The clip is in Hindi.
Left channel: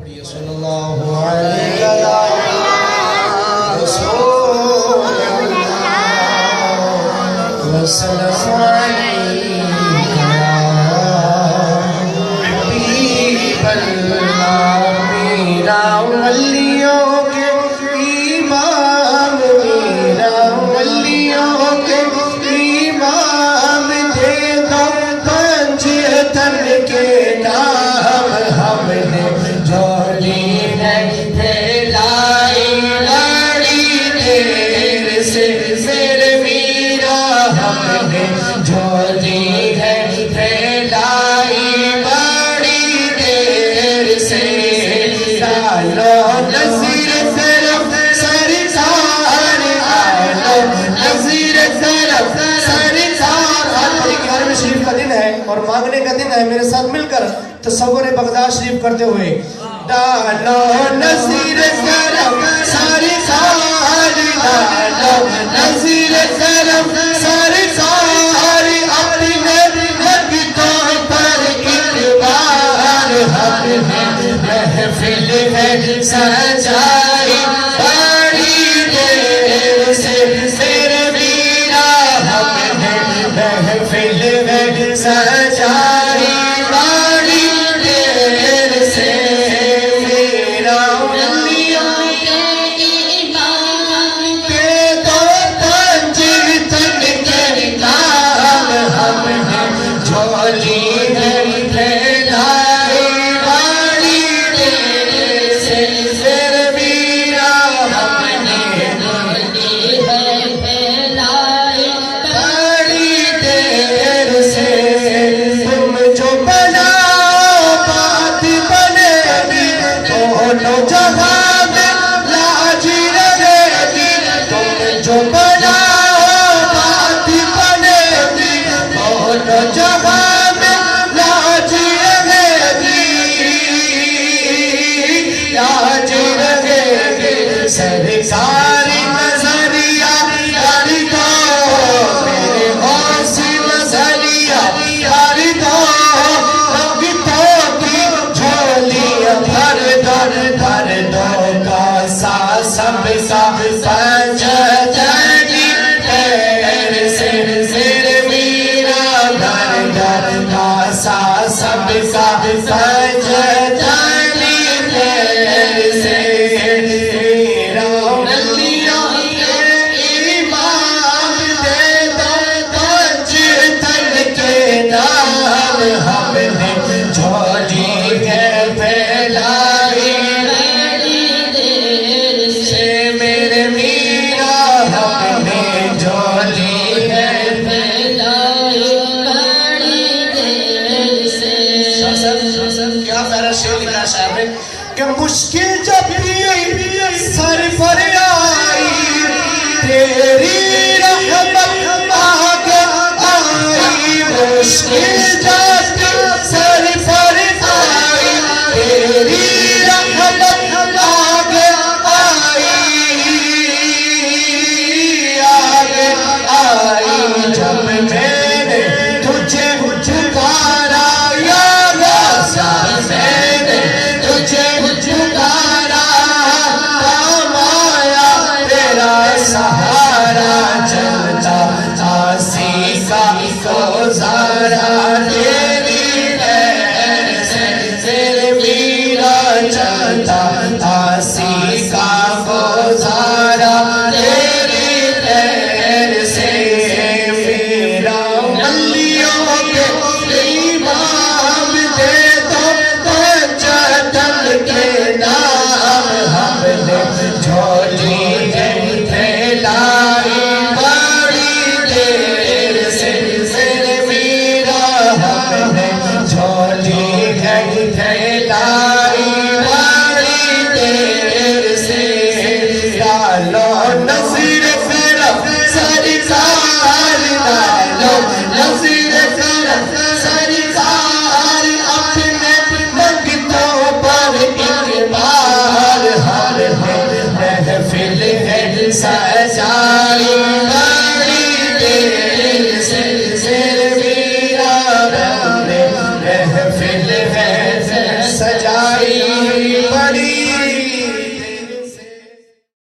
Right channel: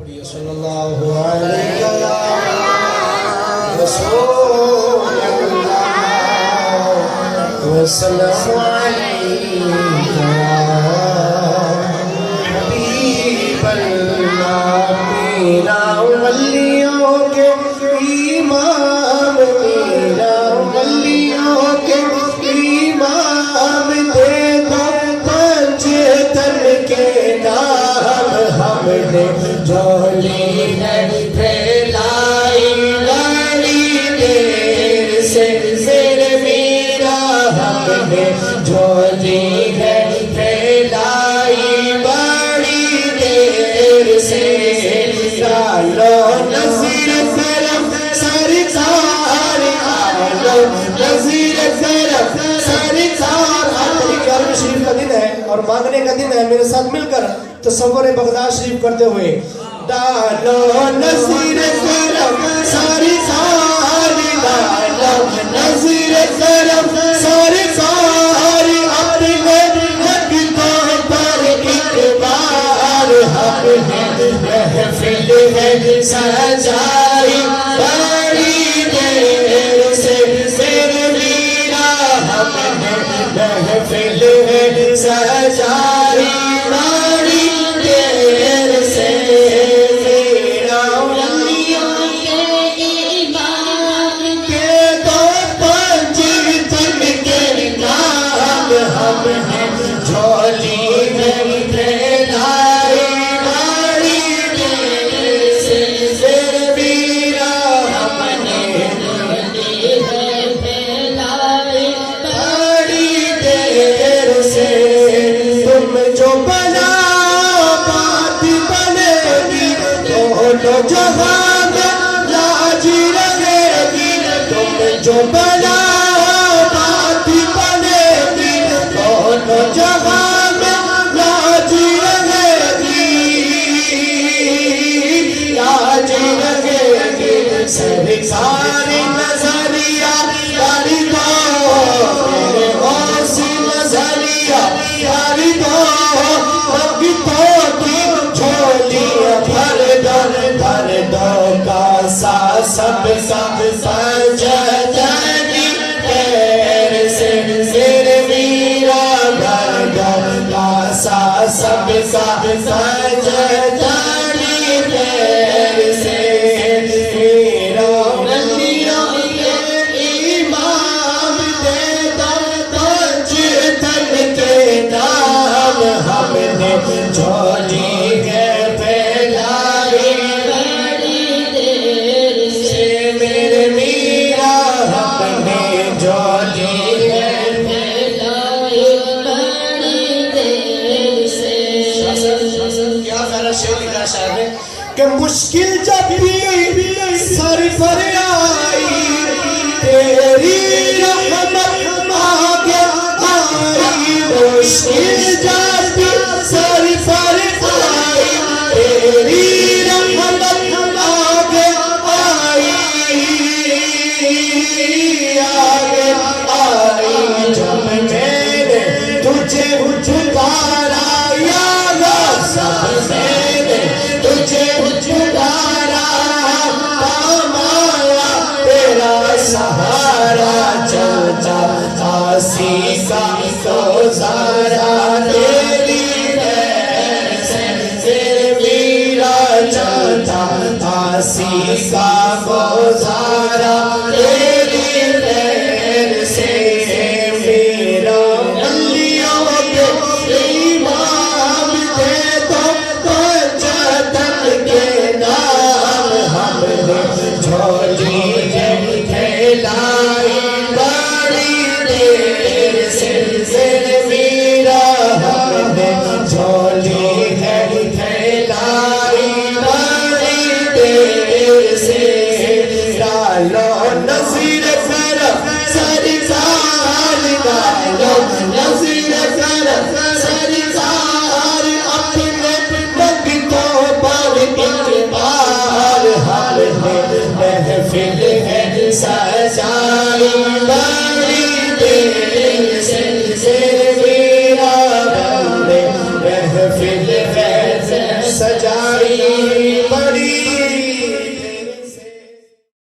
पढ़िए सल्लल्लाहु अलैहि और मांगने का दिन है। मेरे साथ मिलकर तसव्वुर बगदाद शरीफ करते हुए डालो नसीर करम सारी सारी डालो नसीर करम सारी सारी अपनी लगतों पर एक बार हम महफिल है सजाई बड़ी देर से मेरे मीरा हम महफिल है सजाई बड़ी देर से मेरा वलियों के इमाम के दो पंजीतन के नाम हम हैं झोली में फैलाई बड़ी देर से मेरा हमने झोली में फैलाई बड़ी देर से तुम जो बनाओ बात बनेगी दोनों जहां में लाज रहेगी तुम जो बनाओ बात बनेगी दोनों जहां में लाज रहेगी लाज रहेगी सरकार नजरिया कर दो मेरे मौसी नजरिया कर दो भक्तों की झोलियां भर दर दर दर का सा सब सजनी पैर से मेरे मीरा दर दर का सा सब सजनी पैर से मेरा वलियों के इमाम दे दो पंजीतन के नाम हमने झोली है फैलाई बड़ी देर से मेरे मीरा हमने झोली है फैलाई बड़ी देर से। क्या प्यारा शेर लिखा साहब ने कि मुश्किल जब भी सर पर आई तेरी रहमत आगे आई मुश्किल जब भी सर पर आई तेरी रहमत आगे आई जब मैंने तुझे पुकारा या वासा मैंने तुझे पुकारा काम आया तेरा सहारा चलता आसी का गुजारा तेरी पैर से मेरा चलता बड़ी